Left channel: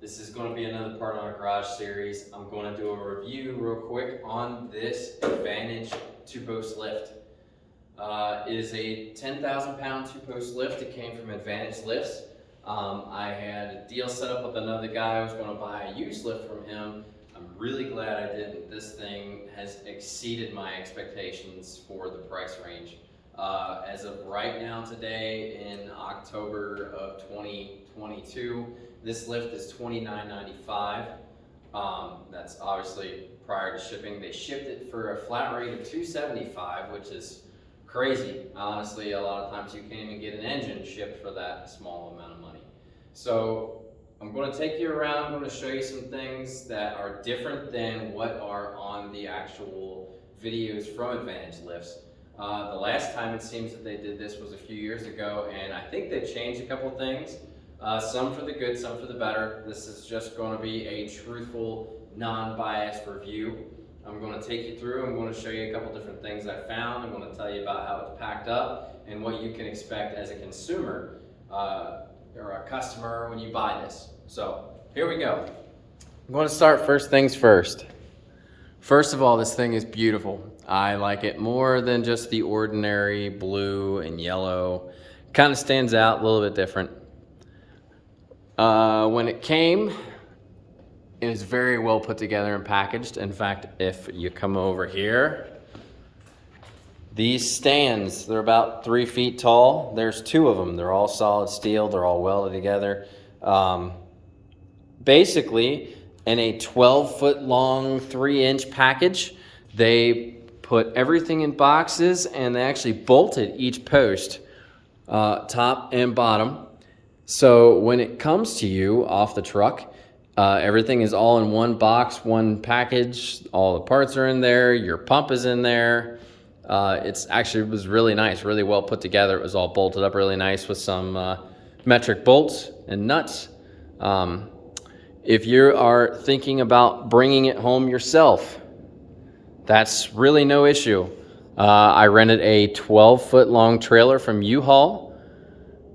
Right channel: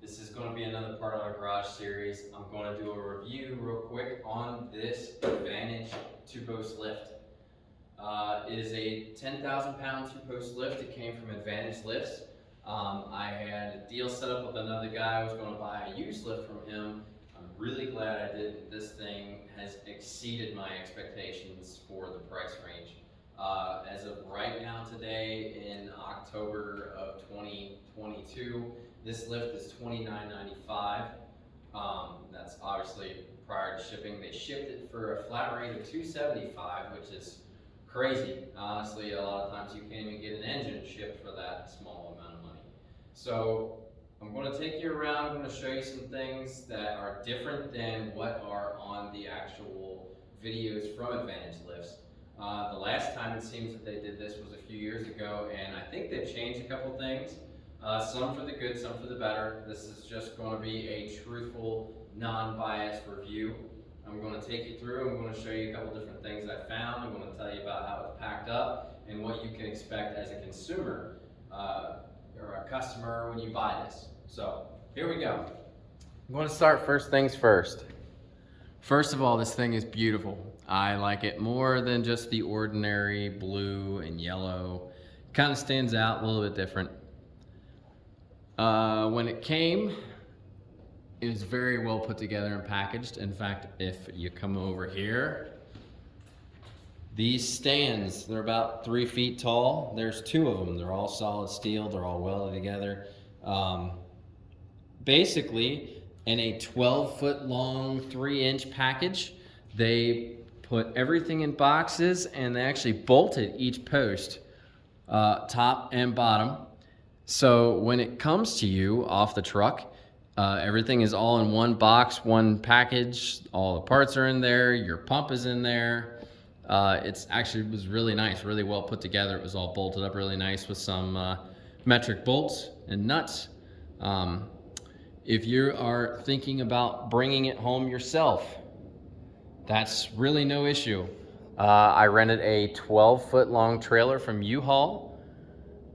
This is going to be another part on our garage series. I'm going to do a review real quick on this Advantage two-post lift. It is a 10,000 pound two-post lift. It came from Advantage Lifts. I had a deal set up with another guy. I was going to buy a used lift from him. I'm really glad I didn't. This thing has exceeded my expectations for the price range. As of right now today in October of 2022, this lift is $29.95. That's obviously prior to shipping. They shipped it for a flat rate of $275, which is crazy. Honestly, a lot of times you can't even get an engine shipped for that small amount of money. So I'm going to take you around. I'm going to show you some things that are different than what are on the actual videos from Advantage Lifts. The last time it seems that they did this was a few years ago, and I think they've changed a couple things. Some for the good, some for the better. This is just going to be a truthful, non-biased review. I'm going to take you through. I'm going to show you a couple different things I found. I'm going to tell you about how it's packed up and what you can expect as a consumer or a customer when you buy this. So here we go. I'm going to start first things first. First of all, this thing is beautiful. I like it more than just the ordinary blue and yellow. Kind of stands out a little bit different. When it came, it is very well put together and packaged. In fact, if you come over here, these stands, they're about 3 feet tall. There's 2 of them. They're all solid steel. They're all welded together. Basically, in a 12-foot long, 3-inch package, they put everything in boxes, and they actually bolted each post, top and bottom. So when it comes to you off the truck, everything is all in one box, one package. All the parts are in there. Your pump is in there. It was really nice, really well put together. It was all bolted up really nice with some metric bolts and nuts. If you are thinking about bringing it home yourself, that's really no issue. I rented a 12-foot long trailer from U-Haul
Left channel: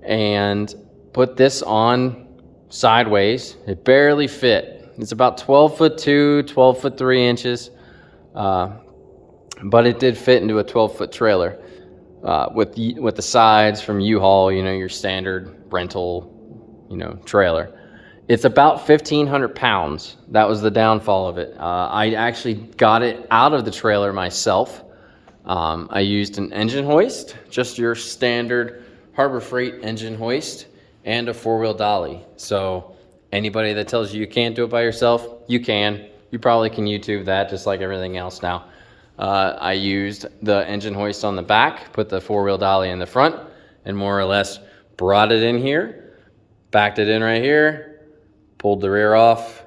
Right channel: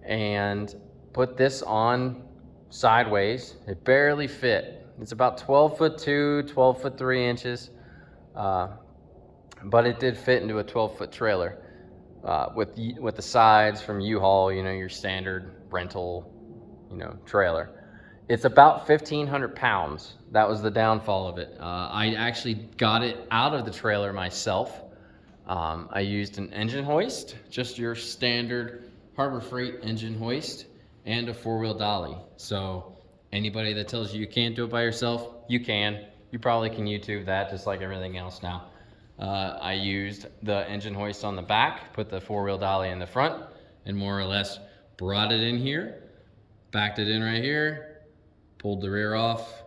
and put this on sideways. It barely fit. It's about 12 foot 2, 12 foot 3 inches, but it did fit into a 12-foot trailer with the sides from U-Haul, your standard rental, trailer. It's about 1,500 pounds. That was the downfall of it. I actually got it out of the trailer myself. I used an engine hoist, just your standard Harbor Freight engine hoist, and a 4-wheel dolly. So anybody that tells you you can't do it by yourself, you can. You probably can YouTube that just like everything else now. I used the engine hoist on the back, put the 4-wheel dolly in the front, and more or less brought it in here, backed it in right here, pulled the rear off,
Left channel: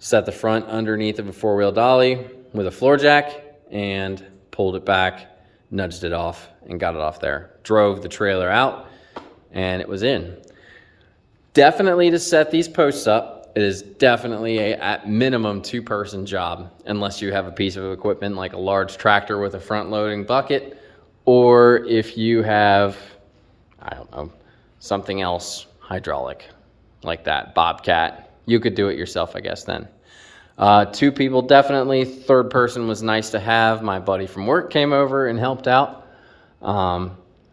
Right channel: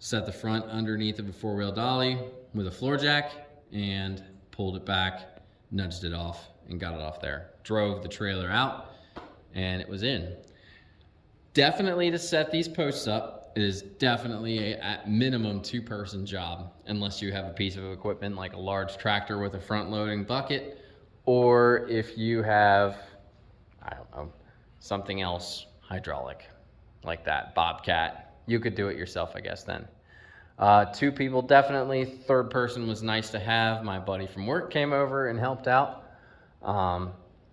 set the front underneath of a 4-wheel dolly with a floor jack, and pulled it back, nudged it off, and got it off there. Drove the trailer out, and it was in. Definitely to set these posts up, it is definitely at minimum 2-person job, unless you have a piece of equipment like a large tractor with a front-loading bucket, or if you have, I don't know, something else hydraulic like that, Bobcat. You could do it yourself, I guess, then. 2 people definitely. 3rd person was nice to have. My buddy from work came over and helped out.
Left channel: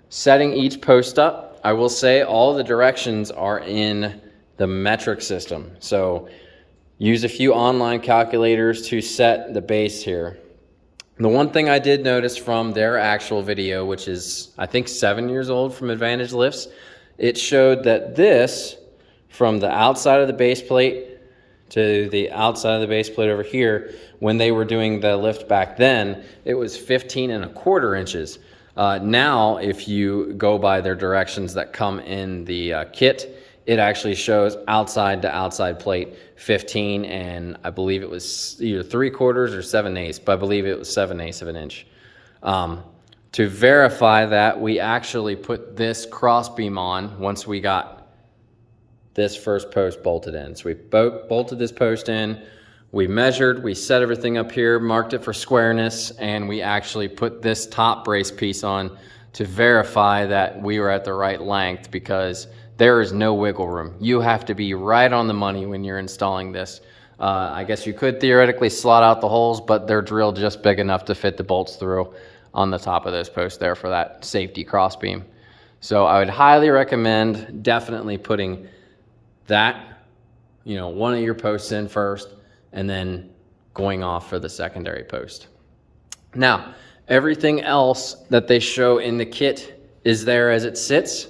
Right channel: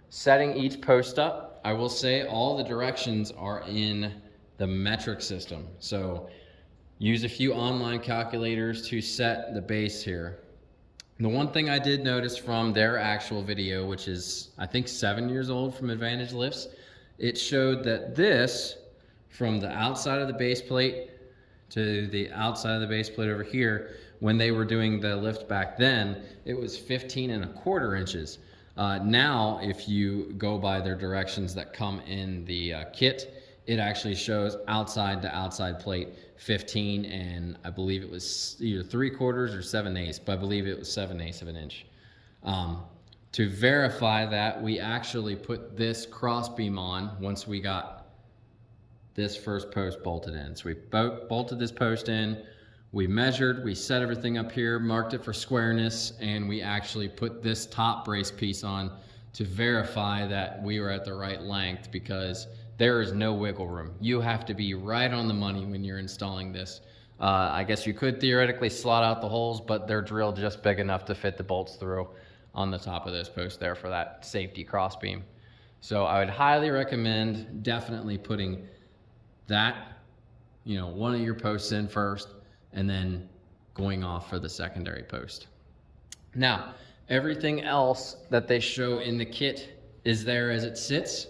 Setting each post up, I will say all the directions are in the metric system. So use a few online calculators to set the base here. The one thing I did notice from their actual video, which is I think 7 years old from Advantage Lifts, it showed that this, from the outside of the base plate to the outside of the base plate over here, when they were doing the lift back then, it was 15¼ inches. Now, if you go by their directions that come in the kit, it actually shows outside to outside plate 15, and I believe it was either 3/4 or 7/8, but I believe it was 7/8 of an inch. To verify that, we actually put this crossbeam on once we got this first post bolted in. So we bolted this post in, we measured, we set everything up here, marked it for squareness, and we actually put this top brace piece on to verify that we were at the right length, because there is no wiggle room. You have to be right on the money when you're installing this. I guess you could theoretically slot out the holes, but they're drilled just big enough to fit the bolts through on the top of those posts there for that safety cross beam. So I would highly recommend definitely putting that, one of your posts in first and then going off for the secondary post. Now, everything else that they show in the kit is there as it sits.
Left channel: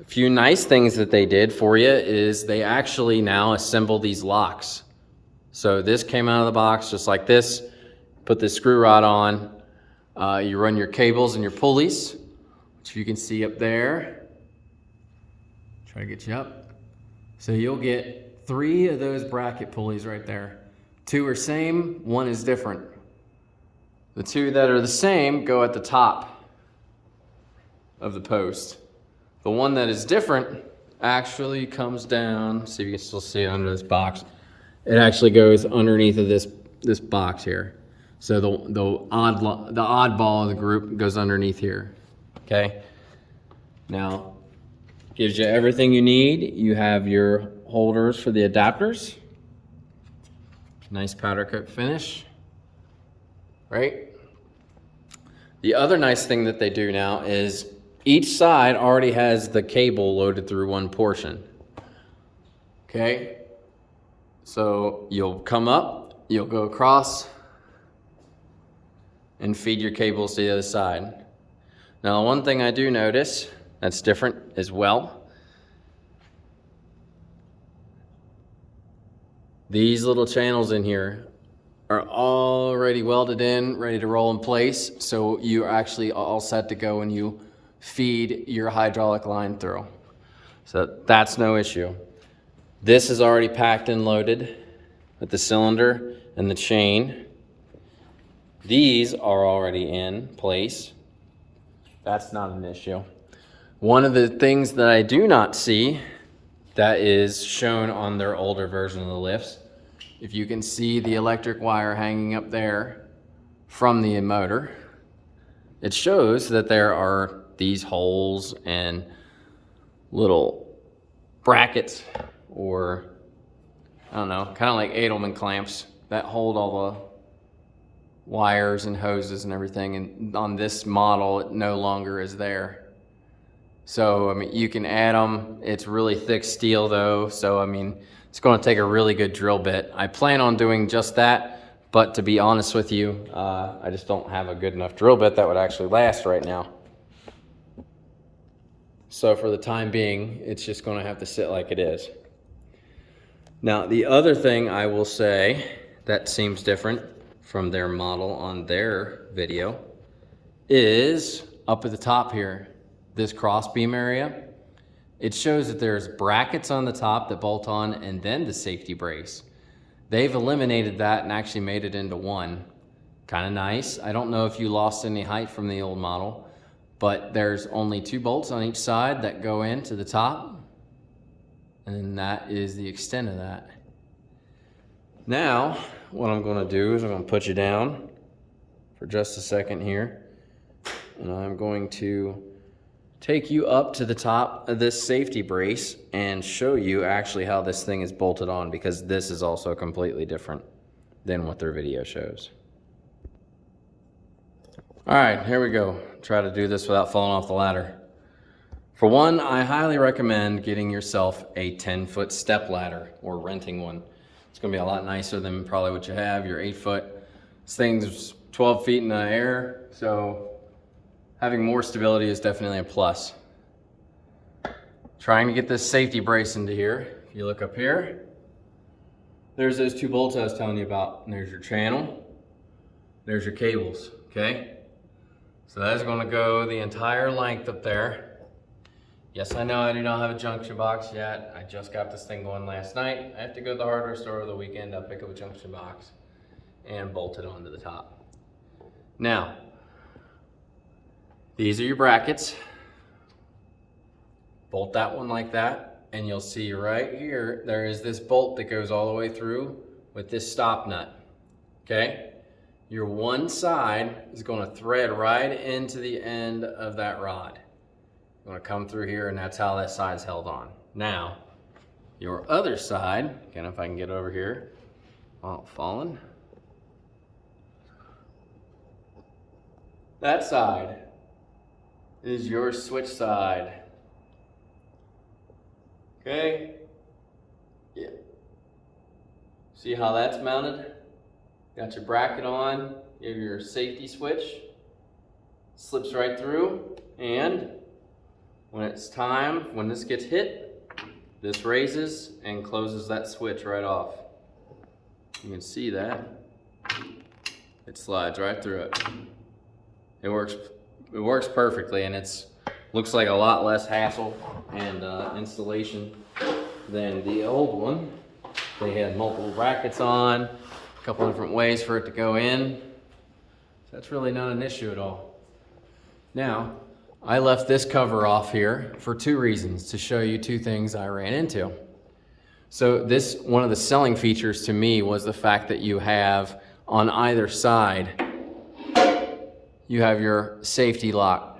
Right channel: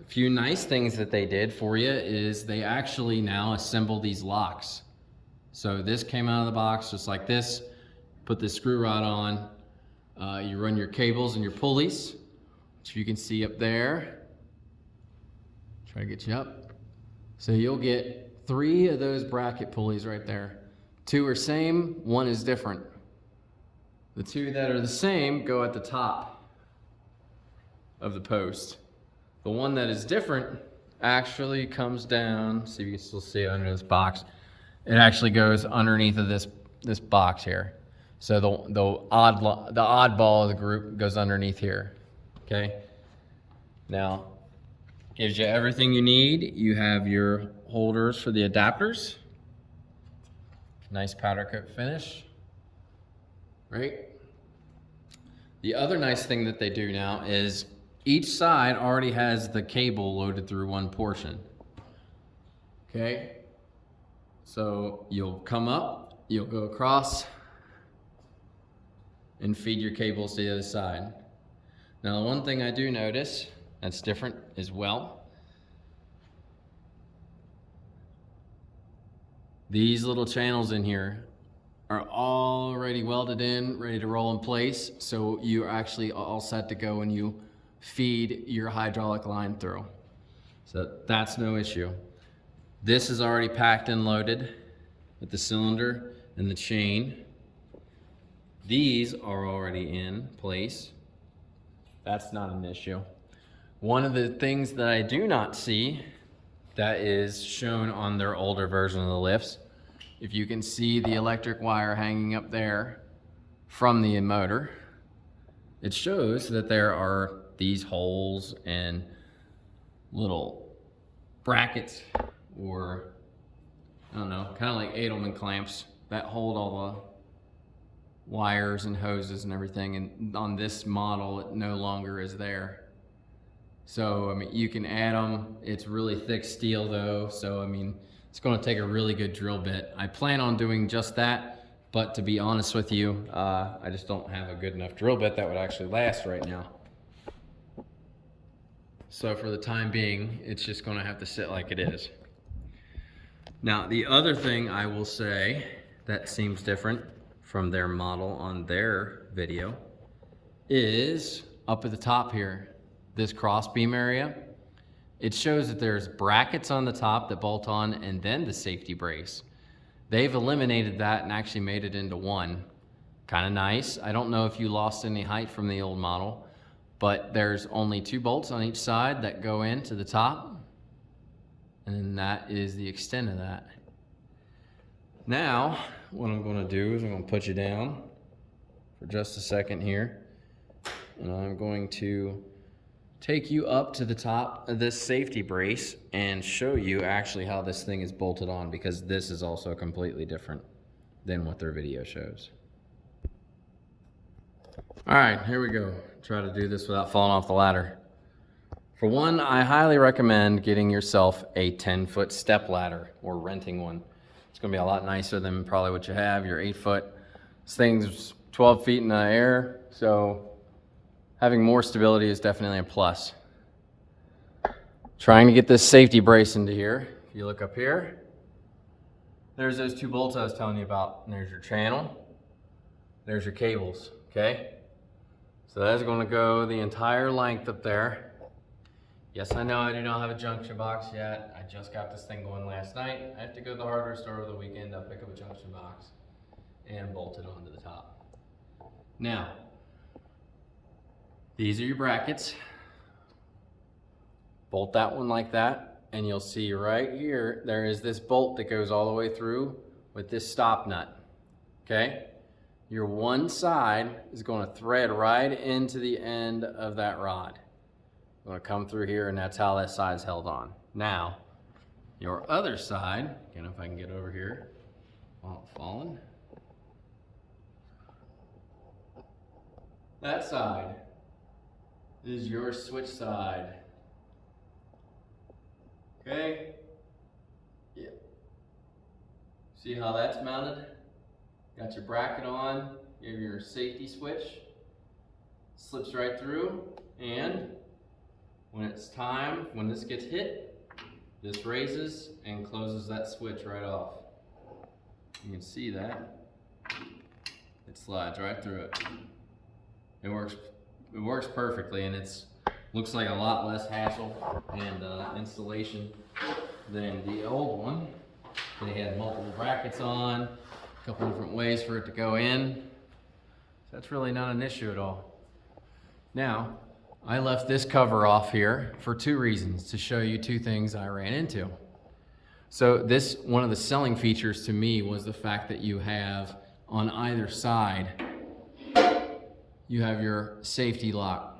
A few nice things that they did for you is they actually now assemble these locks. So this came out of the box just like this. Put the screw rod on. You run your cables and your pulleys, which you can see up there. Try to get you up. So you'll get 3 of those bracket pulleys right there. 2 are same, 1 is different. The 2 that are the same go at the top of the post. The one that is different actually comes down. See if you can still see it under this box. It actually goes underneath of this box here. So the oddball of the group goes underneath here. Okay. Now, gives you everything you need. You have your holders for the adapters. Nice powder coat finish. Right? The other nice thing that they do now is each side already has the cable loaded through one portion. Okay? So you'll come up, you'll go across, and feed your cables to the other side. Now, one thing I do notice that's different as well, these little channels in here are already welded in, ready to roll in place, so you're actually all set to go when you feed your hydraulic line through. So that's no issue. This is already packed and loaded with the cylinder and the chain. These are already in place. That's not an issue. One of the things that I do not see that is shown on their older version of the lifts, if you can see the electric wire hanging up there from the motor, it shows that there are these holes and little brackets, or I don't know, kind of like Edelman clamps that hold all the wires and hoses and everything, and on this model it no longer is there. So I mean, you can add them. It's really thick steel though, so I mean, it's going to take a really good drill bit. I plan on doing just that, but to be honest with you, I just don't have a good enough drill bit that would actually last right now. So for the time being, it's just going to have to sit like it is. Now, the other thing I will say that seems different from their model on their video is up at the top here, this cross beam area. It shows that there's brackets on the top that bolt on and then the safety brace. They've eliminated that and actually made it into one. Kind of nice. I don't know if you lost any height from the old model, but there's only 2 bolts on each side that go into the top, and that is the extent of that. Now, what I'm going to do is I'm going to put you down for just a second here, and I'm going to take you up to the top of this safety brace and show you actually how this thing is bolted on, because this is also completely different than what their video shows. All right, here we go. Try to do this without falling off the ladder. For one, I highly recommend getting yourself a 10-foot step ladder or renting one. It's gonna be a lot nicer than probably what you have, your 8-foot. This thing's 12 feet in the air, so having more stability is definitely a plus. Trying to get this safety brace into here. If you look up here, there's those 2 bolts I was telling you about. And there's your channel, there's your cables, okay? So that's going to go the entire length up there. Yes, I know I do not have a junction box yet. I just got this thing going last night. I have to go to the hardware store over the weekend. I'll pick up a junction box and bolt it onto the top. Now, these are your brackets. Bolt that one like that, and you'll see right here, there is this bolt that goes all the way through with this stop nut, okay? Your one side is going to thread right into the end of that rod. I'm gonna come through here, and that's how that side's held on. Now, your other side, again, if I can get over here while falling. That side is your switch side. Okay? Yeah. See how that's mounted? Got your bracket on, you have your safety switch, slips right through, and when it's time, when this gets hit, this raises and closes that switch right off. You can see that. It slides right through it. It works perfectly, and it's looks like a lot less hassle and installation than the old one. They had multiple brackets on, a couple different ways for it to go in. That's really not an issue at all. Now, I left this cover off here for two reasons, to show you two things I ran into. So this, one of the selling features to me was the fact that you have on either side, you have your safety lock.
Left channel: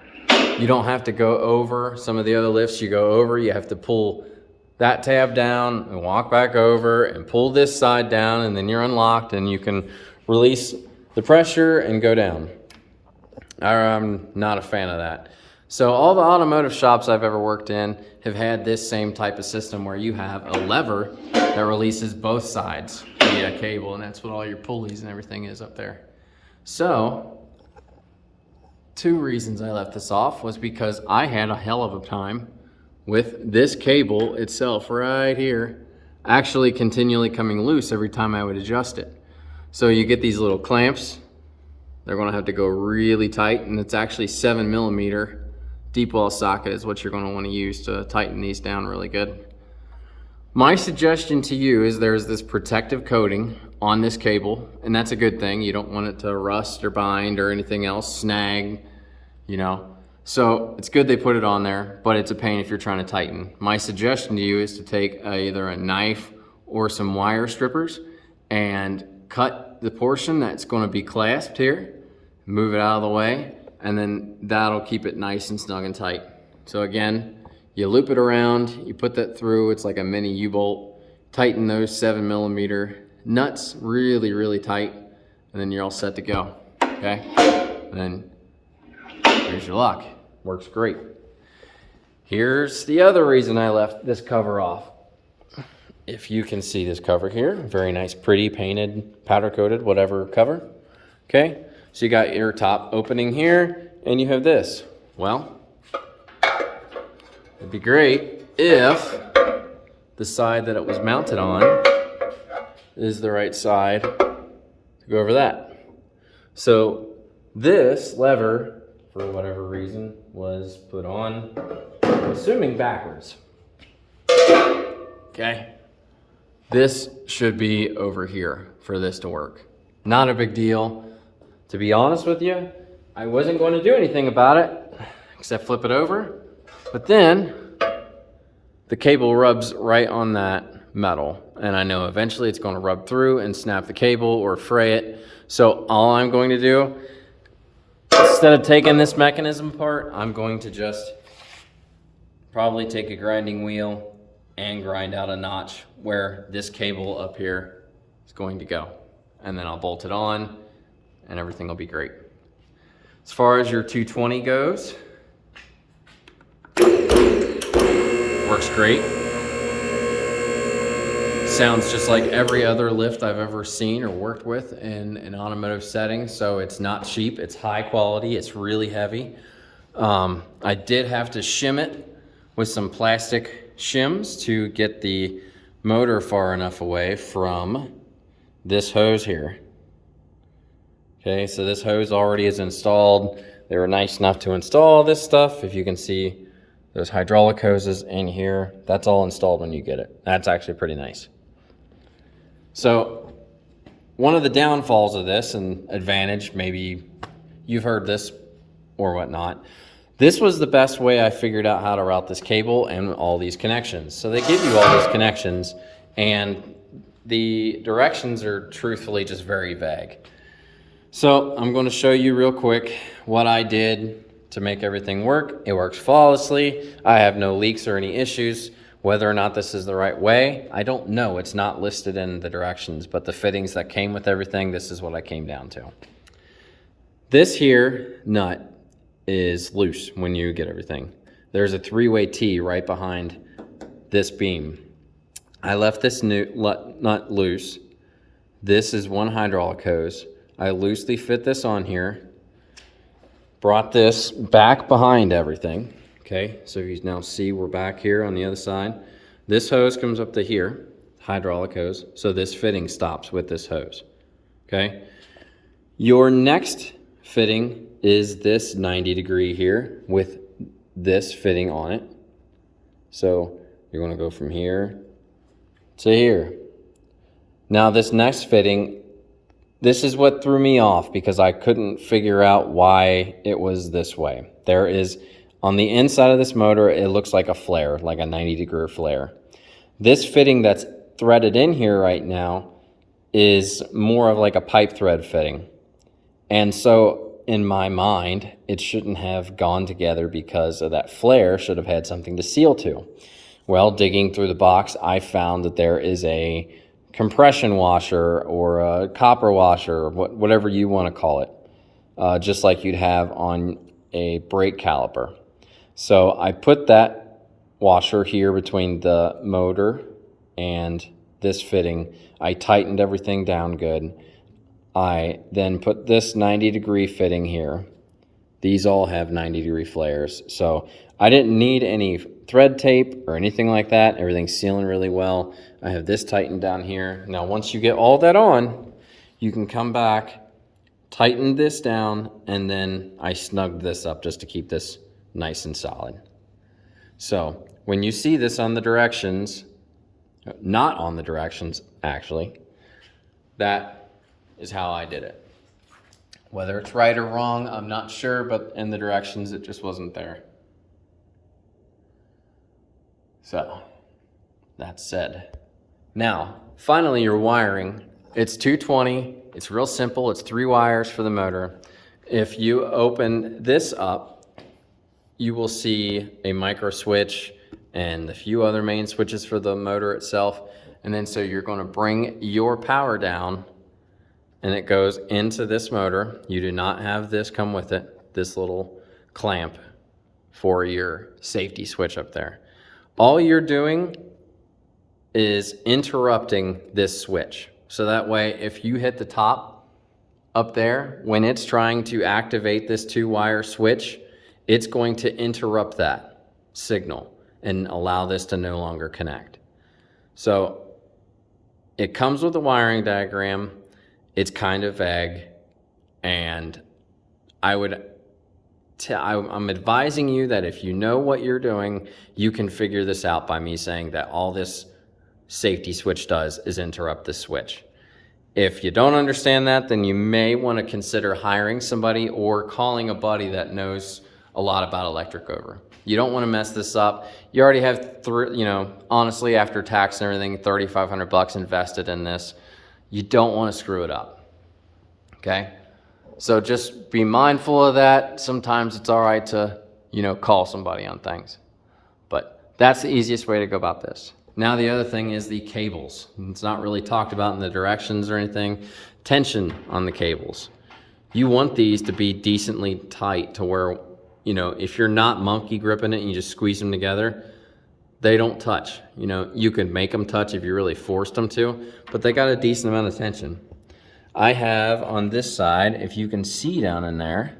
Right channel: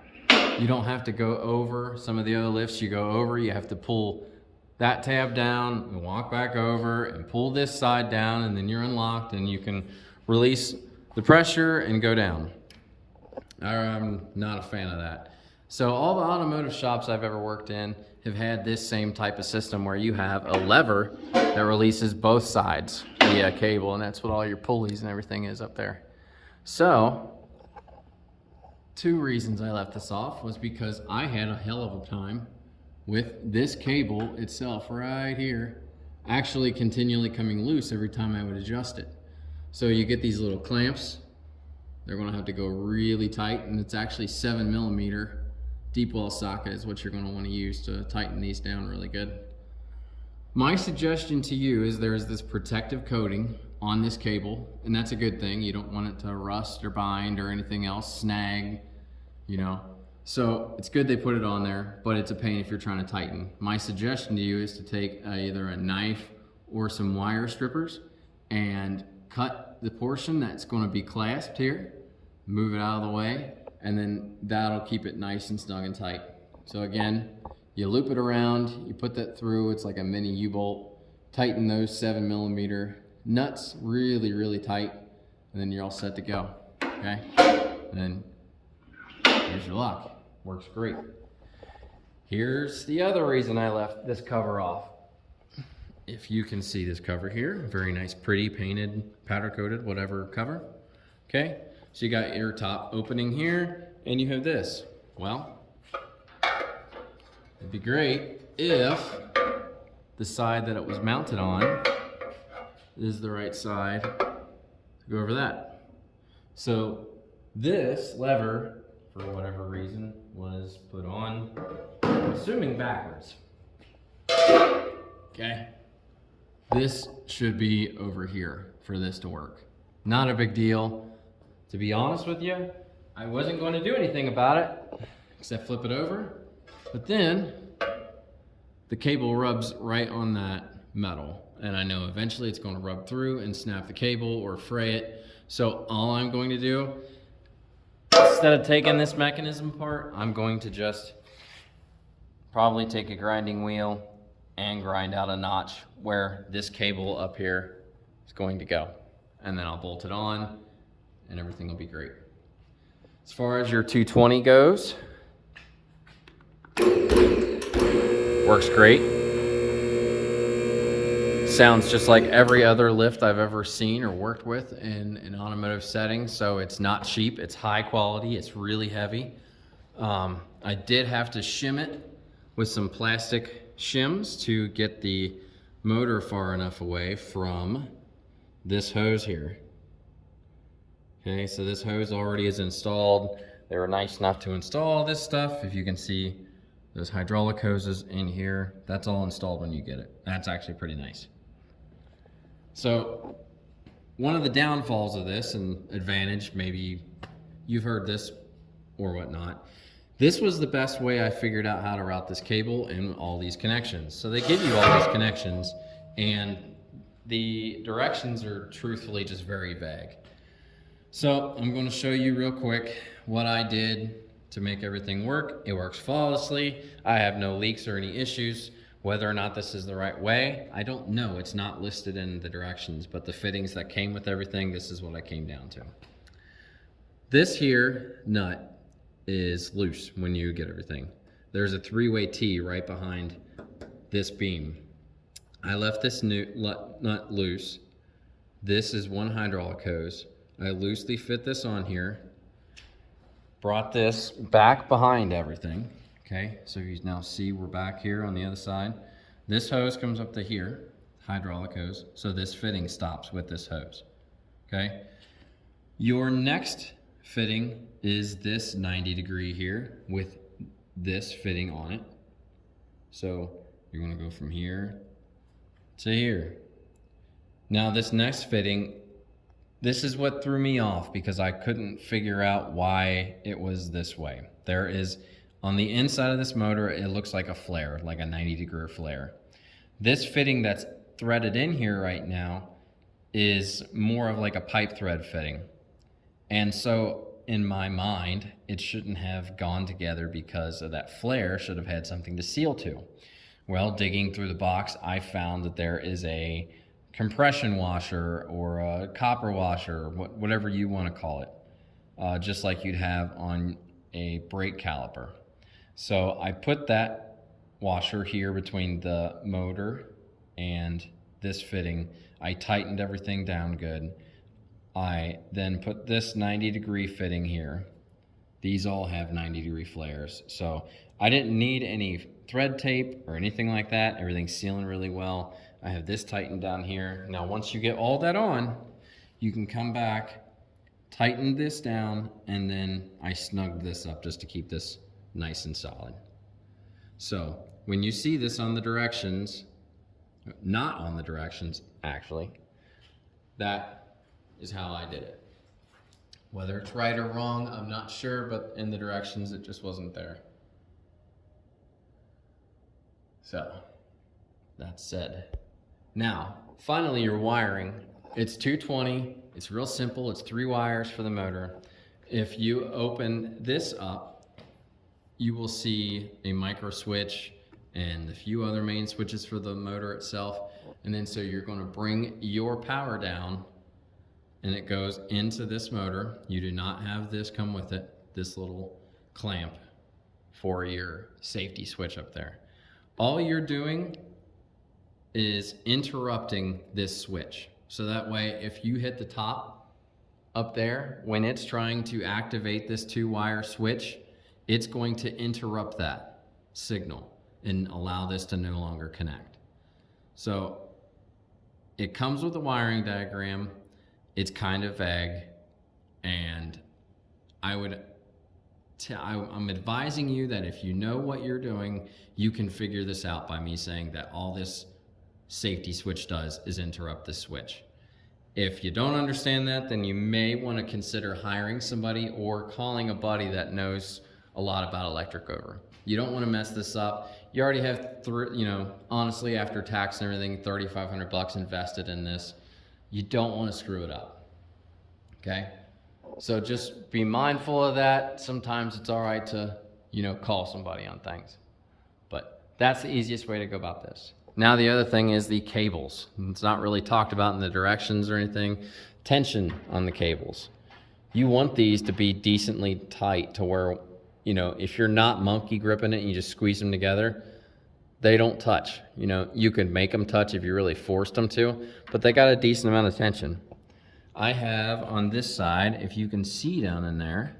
You don't have to go over some of the other lifts you go over. You have to pull that tab down and walk back over and pull this side down, and then you're unlocked and you can release the pressure and go down. I'm not a fan of that. So all the automotive shops I've ever worked in have had this same type of system where you have a lever that releases both sides via cable, and that's what all your pulleys and everything is up there. So two reasons I left this off was because I had a hell of a time with this cable itself right here actually continually coming loose every time I would adjust it. So you get these little clamps. They're going to have to go really tight, and it's actually 7mm deep well socket is what you're going to want to use to tighten these down really good. My suggestion to you is there's this protective coating on this cable, and that's a good thing. You don't want it to rust or bind or anything else, snag, you know. So it's good they put it on there, but it's a pain if you're trying to tighten. My suggestion to you is to take either a knife or some wire strippers and cut the portion that's going to be clasped here, move it out of the way, and then that'll keep it nice and snug and tight. So again, you loop it around, you put that through, it's like a mini U-bolt, tighten those 7mm nuts really, really tight, and then you're all set to go, okay? And then here's your lock. Works great. Here's the other reason I left this cover off. If you can see this cover here, very nice, pretty painted, powder coated, whatever cover, okay? So you got your top opening here, and you have this. Well, it'd be great if the side that it was mounted on is the right side to go over that. So this lever, for whatever reason, was put on, I'm assuming backwards. Okay. This should be over here for this to work. Not a big deal. To be honest with you, I wasn't going to do anything about it except flip it over, but then the cable rubs right on that metal, and I know eventually it's going to rub through and snap the cable or fray it. So all I'm going to do, instead of taking this mechanism apart, I'm going to just probably take a grinding wheel and grind out a notch where this cable up here is going to go, and then I'll bolt it on and everything will be great. As far as your 220 goes, works great. Sounds just like every other lift I've ever seen or worked with in an automotive setting. So it's not cheap, it's high quality, it's really heavy. I did have to shim it with some plastic shims to get the motor far enough away from this hose here. Okay, so this hose already is installed. They were nice enough to install this stuff. If you can see, there's hydraulic hoses in here. That's all installed when you get it. That's actually pretty nice. So one of the downfalls of this, and advantage, maybe you've heard this or whatnot, this was the best way I figured out how to route this cable and all these connections. So they give you all these connections, and the directions are truthfully just very vague. So I'm going to show you real quick what I did to make everything work. It works flawlessly. I have no leaks or any issues. Whether or not this is the right way, I don't know. It's not listed in the directions, but the fittings that came with everything, this is what I came down to. This here nut is loose when you get everything. There's a 3-way T right behind this beam. I left this nut loose. This is one hydraulic hose. I loosely fit this on here, brought this back behind everything. Okay, so you now see we're back here on the other side. This hose comes up to here, hydraulic hose, so this fitting stops with this hose. Okay, your next fitting is this 90-degree here with this fitting on it. So you're going to go from here to here. Now this next fitting, this is what threw me off because I couldn't figure out why it was this way. There is, on the inside of this motor, it looks like a flare, like a 90-degree flare. This fitting that's threaded in here right now is more of like a pipe thread fitting. And so in my mind, it shouldn't have gone together because of that flare, should have had something to seal to. Well, digging through the box, I found that there is a compression washer or a copper washer, whatever you want to call it, just like you'd have on a brake caliper. So I put that washer here between the motor and this fitting. I tightened everything down good. I then put this 90-degree fitting here. These all have 90-degree flares. So I didn't need any thread tape or anything like that. Everything's sealing really well. I have this tightened down here. Now once you get all that on, you can come back, tighten this down, and then I snugged this up just to keep this nice and solid. So when you see this on the directions, not on the directions actually, that is how I did it. Whether it's right or wrong, I'm not sure, but in the directions it just wasn't there. So that said, now finally your wiring. It's 220, it's real simple, it's 3 wires for the motor. If you open this up, you will see a micro switch and a few other main switches for the motor itself. And then so you're going to bring your power down and it goes into this motor. You do not have this come with it, this little clamp for your safety switch up there. All you're doing is interrupting this switch. So that way, if you hit the top up there, when it's trying to activate this 2-wire switch, it's going to interrupt that signal and allow this to no longer connect. So it comes with a wiring diagram. It's kind of vague, and I'm advising you that if you know what you're doing, you can figure this out by me saying that all this safety switch does is interrupt this switch. If you don't understand that, then you may want to consider hiring somebody or calling a buddy that knows a lot about electric over. You don't want to mess this up. You already have, honestly, after tax and everything, $3,500 invested in this. You don't want to screw it up, okay? So just be mindful of that. Sometimes it's all right to, call somebody on things. But that's the easiest way to go about this. Now the other thing is the cables. It's not really talked about in the directions or anything. Tension on the cables. You want these to be decently tight to where, if you're not monkey gripping it and you just squeeze them together, they don't touch. You could make them touch if you really forced them to, but they got a decent amount of tension. I have on this side, if you can see down in there,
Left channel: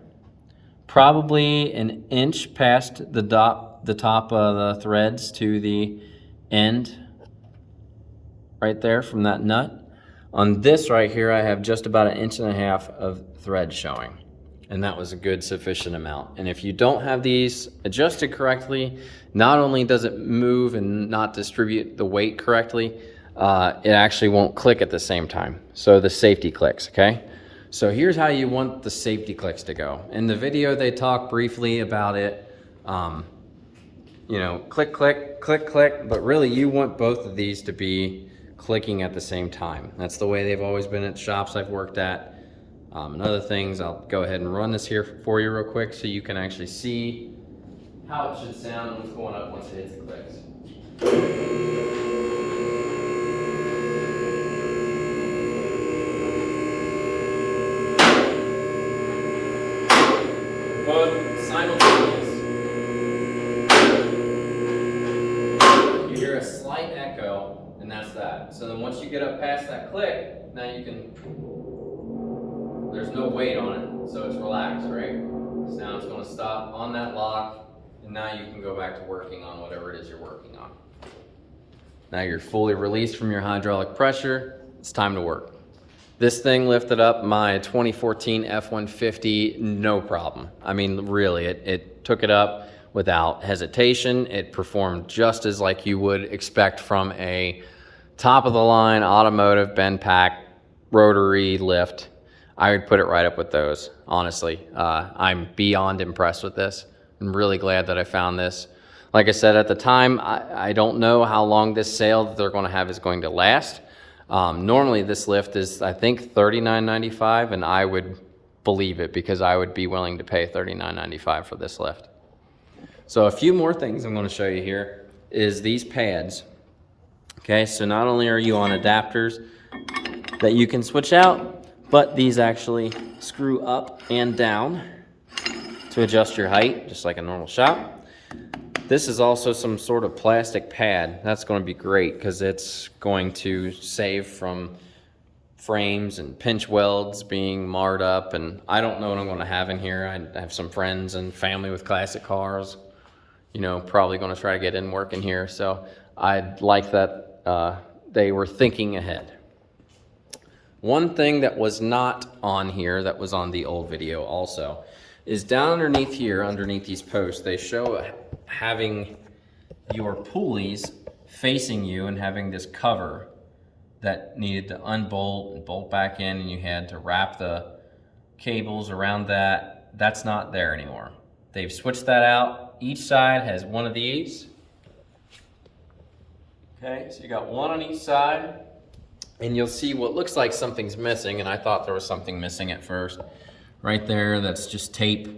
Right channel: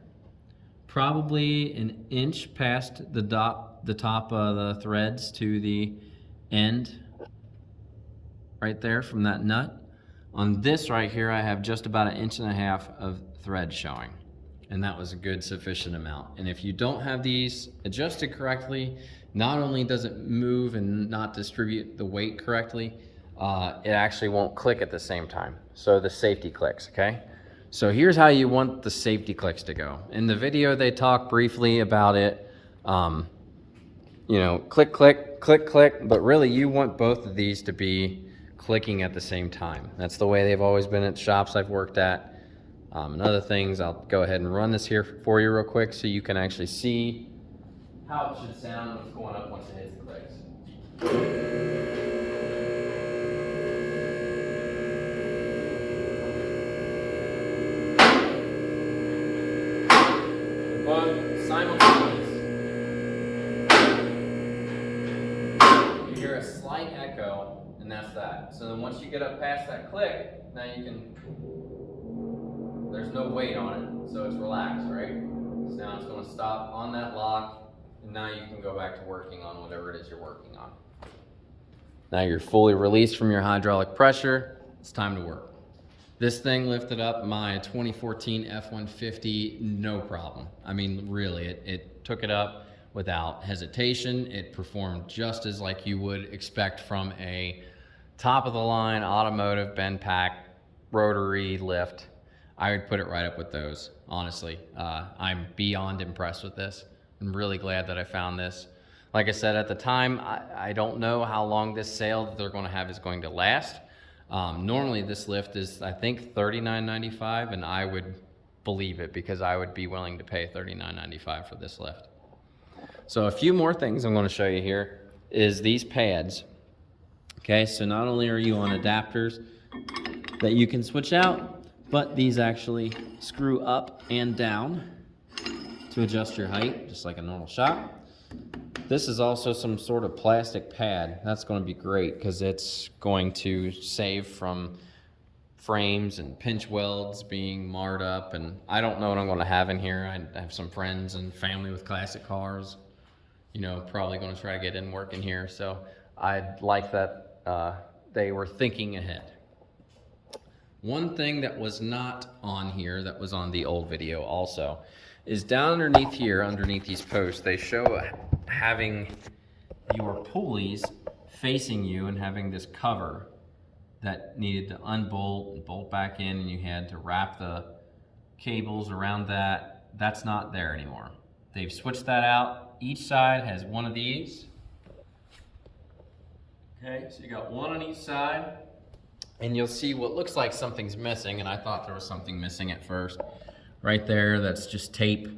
probably an inch past the top of the threads to the end right there from that nut. On this right here, I have just about 1.5 inches of thread showing, and that was a good sufficient amount. And if you don't have these adjusted correctly, not only does it move and not distribute the weight correctly, it actually won't click at the same time. So the safety clicks, okay? So here's how you want the safety clicks to go. In the video, they talk briefly about it, click, click, click, click, but really you want both of these to be clicking at the same time. That's the way they've always been at shops I've worked at. And other things, I'll go ahead and run this here for you real quick so you can actually see how it should sound when it's going up once it hits the clicks. Both simultaneous. You hear a slight echo, and that's that. So then once you get up past that click, now you can, there's no weight on it, so it's relaxed, right? Sound's gonna stop on that lock, and now you can go back to working on whatever it is you're working on. Now you're fully released from your hydraulic pressure, it's time to work. This thing lifted up my 2014 F-150, no problem. I mean, really, it took it up without hesitation. It performed just as like you would expect from a top-of-the-line automotive bend pack rotary lift. I would put it right up with those, honestly. I'm beyond impressed with this. I'm really glad that I found this. Like I said, at the time, I don't know how long this sale that they're gonna have is going to last. Normally this lift is, I think, $39.95, and I would believe it because I would be willing to pay $39.95 for this lift. So a few more things I'm gonna show you here is these pads. Okay, so not only are you on adapters that you can switch out, but these actually screw up and down to adjust your height, just like a normal shop. This is also some sort of plastic pad. That's going to be great because it's going to save from frames and pinch welds being marred up, and I don't know what I'm going to have in here. I have some friends and family with classic cars, you know, probably going to try to get in work in here, so I'd like that they were thinking ahead. One thing that was not on here that was on the old video also is down underneath here, underneath these posts, they show having your pulleys facing you and having this cover that needed to unbolt and bolt back in, and you had to wrap the cables around that. That's not there anymore. They've switched that out. Each side has one of these. Okay, so you got one on each side, and you'll see what looks like something's missing, and I thought there was something missing at first. Right there, that's just tape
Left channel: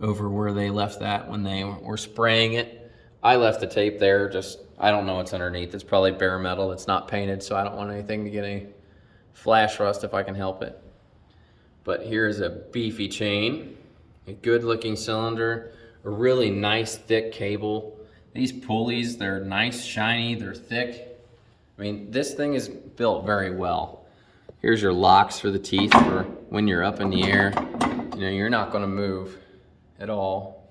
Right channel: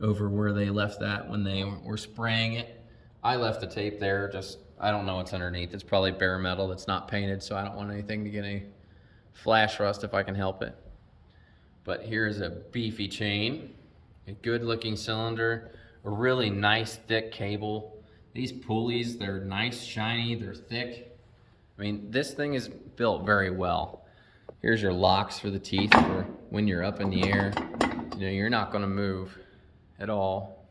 over where they left that when they were spraying it. I left the tape there, just, I don't know what's underneath. It's probably bare metal, it's not painted, so I don't want anything to get any flash rust if I can help it. But here's a beefy chain, a good looking cylinder, a really nice thick cable. These pulleys, they're nice, shiny, they're thick. I mean, this thing is built very well. Here's your locks for the teeth for when you're up in the air. You know, you're not gonna move at all.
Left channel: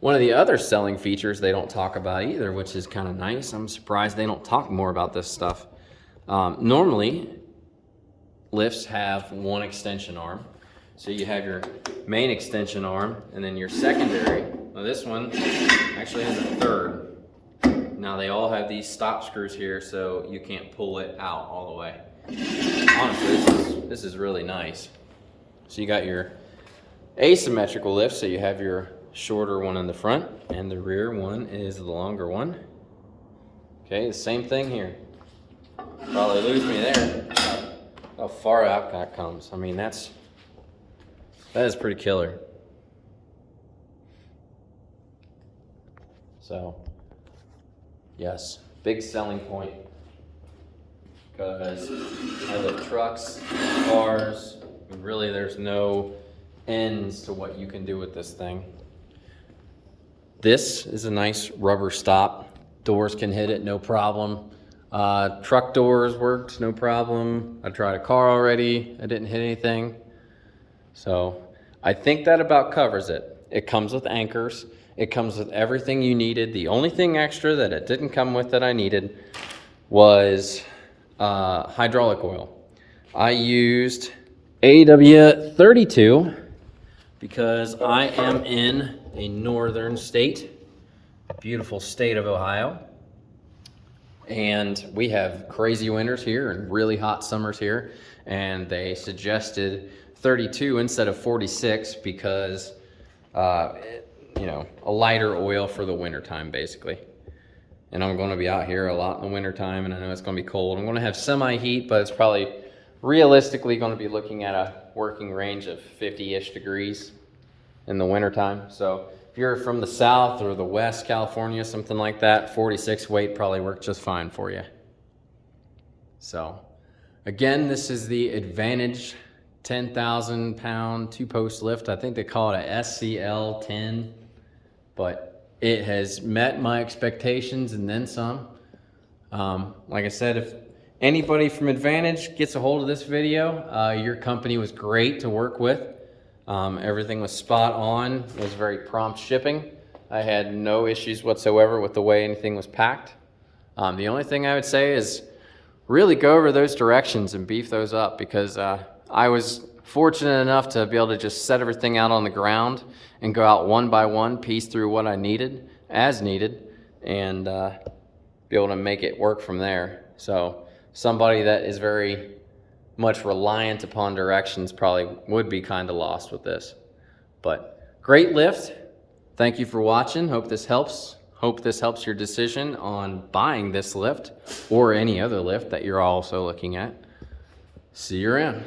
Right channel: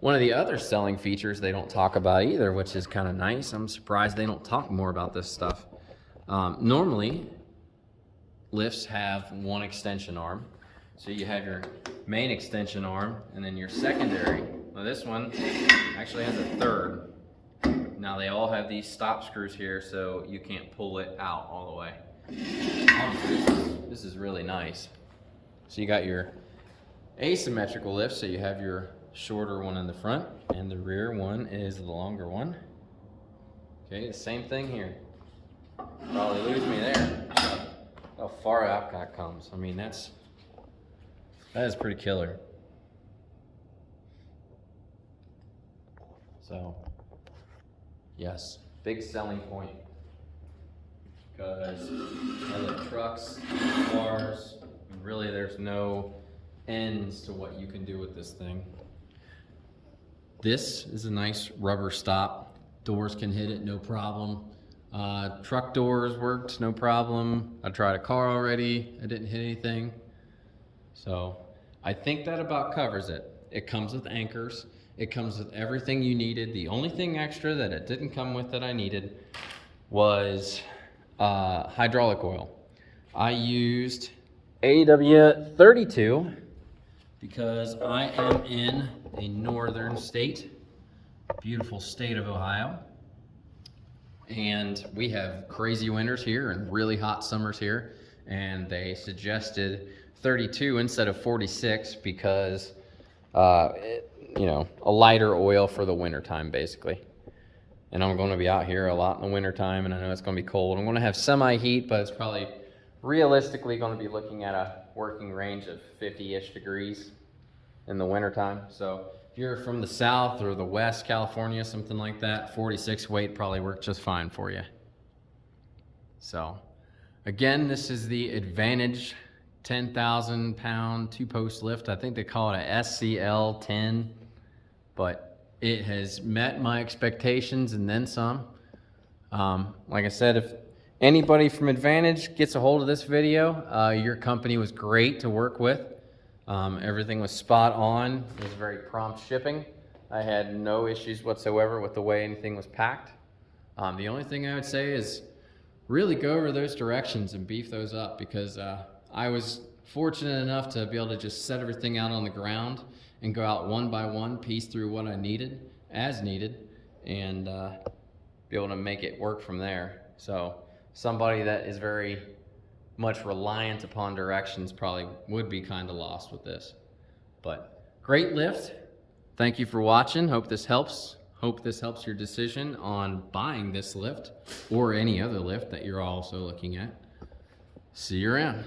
One of the other selling features they don't talk about either, which is kind of nice. I'm surprised they don't talk more about this stuff. Normally, lifts have one extension arm. So you have your main extension arm and then your secondary. Well, this one actually has a third. Now they all have these stop screws here so you can't pull it out all the way. Honestly, this is really nice. So you got your asymmetrical lift, so you have your shorter one in the front and the rear one is the longer one. Okay, the same thing here. Probably lose me there. How far out that comes. I mean, that is pretty killer. So, yes, big selling point. Because I lift trucks, cars, and really there's no ends to what you can do with this thing. This is a nice rubber stop. Doors can hit it, no problem. Truck doors worked, no problem. I tried a car already, I didn't hit anything. So I think that about covers it. It comes with anchors. It comes with everything you needed. The only thing extra that it didn't come with that I needed was hydraulic oil. I used AW32 because I am in a northern state, beautiful state of Ohio. And we have crazy winters here and really hot summers here. And they suggested 32 instead of 46 because, you know, a lighter oil for the winter time basically. And I'm going to be out here a lot in the winter time, and I know it's going to be cold. I'm going to have semi-heat, but it's probably realistically going to be looking at a working range of 50-ish degrees in the wintertime. So if you're from the South or the West, California, something like that, 46 weight probably worked just fine for you. So again, this is the Advantage 10,000 pound 2-post lift. I think they call it a SCL 10, but it has met my expectations and then some. Like I said, if anybody from Advantage gets a hold of this video, your company was great to work with. Everything was spot on. It was very prompt shipping. I had no issues whatsoever with the way anything was packed. The only thing I would say is really go over those directions and beef those up, because I was fortunate enough to be able to just set everything out on the ground and go out one by one, piece through what I needed as needed, and be able to make it work from there. So somebody that is very much reliant upon directions probably would be kind of lost with this. But great lift. Thank you for watching. Hope this helps. Hope this helps your decision on buying this lift or any other lift that you're also looking at. See you around.